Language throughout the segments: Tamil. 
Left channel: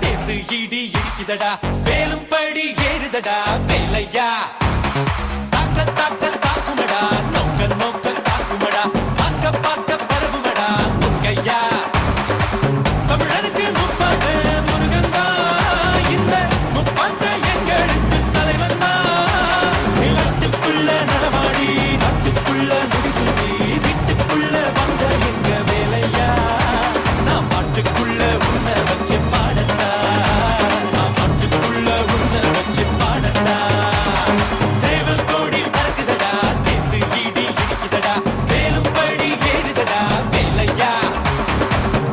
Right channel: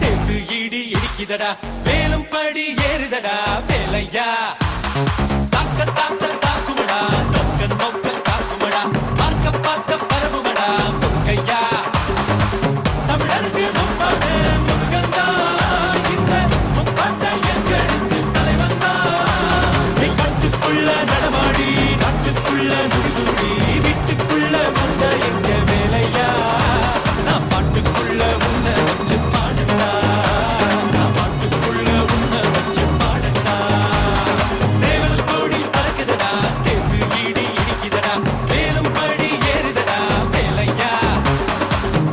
சேர்த்து ஈடி இடிக்குதடா வேலும் படி ஏறுதடா வேலையா தாக்க தாக்க தாக்குமடா நோக்க நோக்க தாக்குமடா பார்க்க பார்க்க பரவுமடா முருகையா தமிழருக்கு முப்பாட்ட முருகந்தா இந்த முப்பாட்ட எங்களுக்கு தலைவன் தான் நாட்டுக்குள்ள நடமாடி நாட்டுக்குள்ள முடிசுடி வீட்டுக்குள்ள வந்த எங்க வேலையா நான் பாட்டுக்குள்ள உன்னை வச்சு பாடண்டா நான் பாட்டுக்குள்ள உன்னை வச்சு பாடண்டா சேவல் கோடி பறக்குதடா சேர்த்து ஈடி இடிக்குதடா வேலும் படி ஏறுதடா வேலையா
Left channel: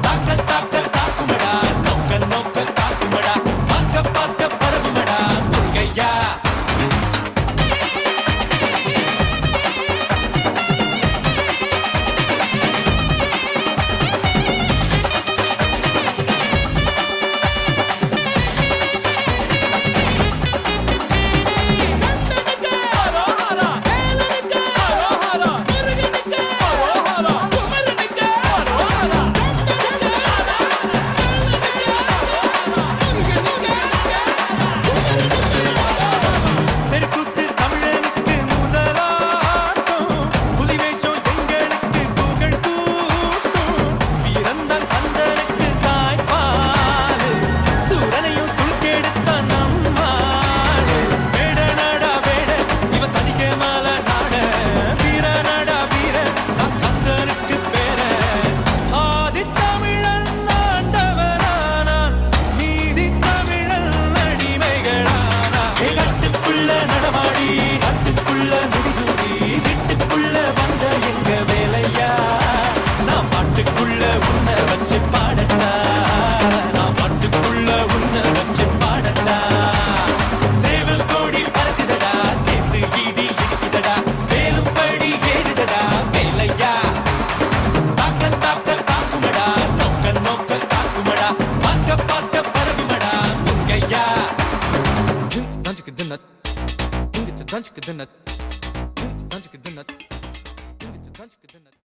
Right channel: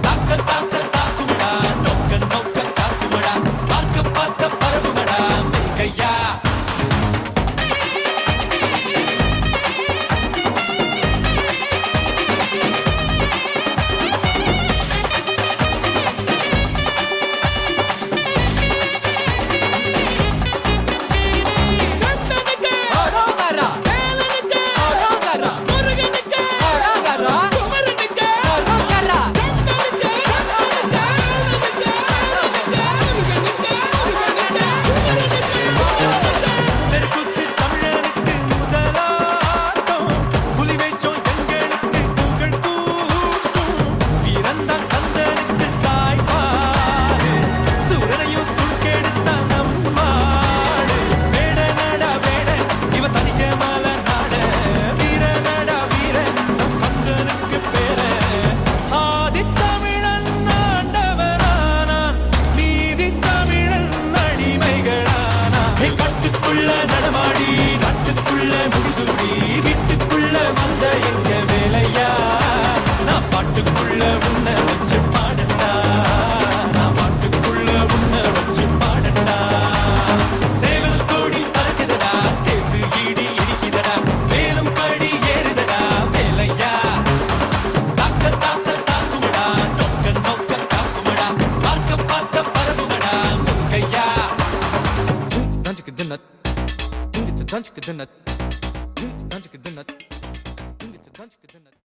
தாக்க தாக்க தாக்குமடா நோக்க நோக்க தாக்குமடா பார்க்க பார்க்க பரவுமடா முருகையா நெருப்புத்து தமிழனுக்கு முதலாட்டம் புலிவேஷம் எங்களுக்கு புகழ் கூட்டும் வீரந்தான் கந்தனுக்கு தாய்ப்பாடு சூரனையும் சுருக்கெடுத்த நம்மாடு வேட நாடா வேட இவன் தனிக்க மால நாட வீர நாடா வீர நம் கந்தனுக்கு பேர ஆதி தமிழன் ஆண்டவரானா நீதி தமிழன் அடிமைகளானா நாட்டுக்குள்ள நடமாடி நாட்டுக்குள்ள முடிசுடி வீட்டுக்குள்ள வந்த எங்க வேலையா நான் பாட்டுக்குள்ள உன்னை வச்சு பாடண்டா நான் பாட்டுக்குள்ள உன்னை வச்சு பாடண்டா சேவல் கோடி பறக்குதடா சேர்த்து ஈடி இடிக்குதடா வேலும் படி ஏறுதடா வேலையா தாக்க தாக்க தாக்குமடா நோக்க நோக்க தாக்குமடா பார்க்க பார்க்க பரவுமடா முருகையா Don't you get the nut? Don't you get the nut? Don't you get the nut? Don't you get the nut?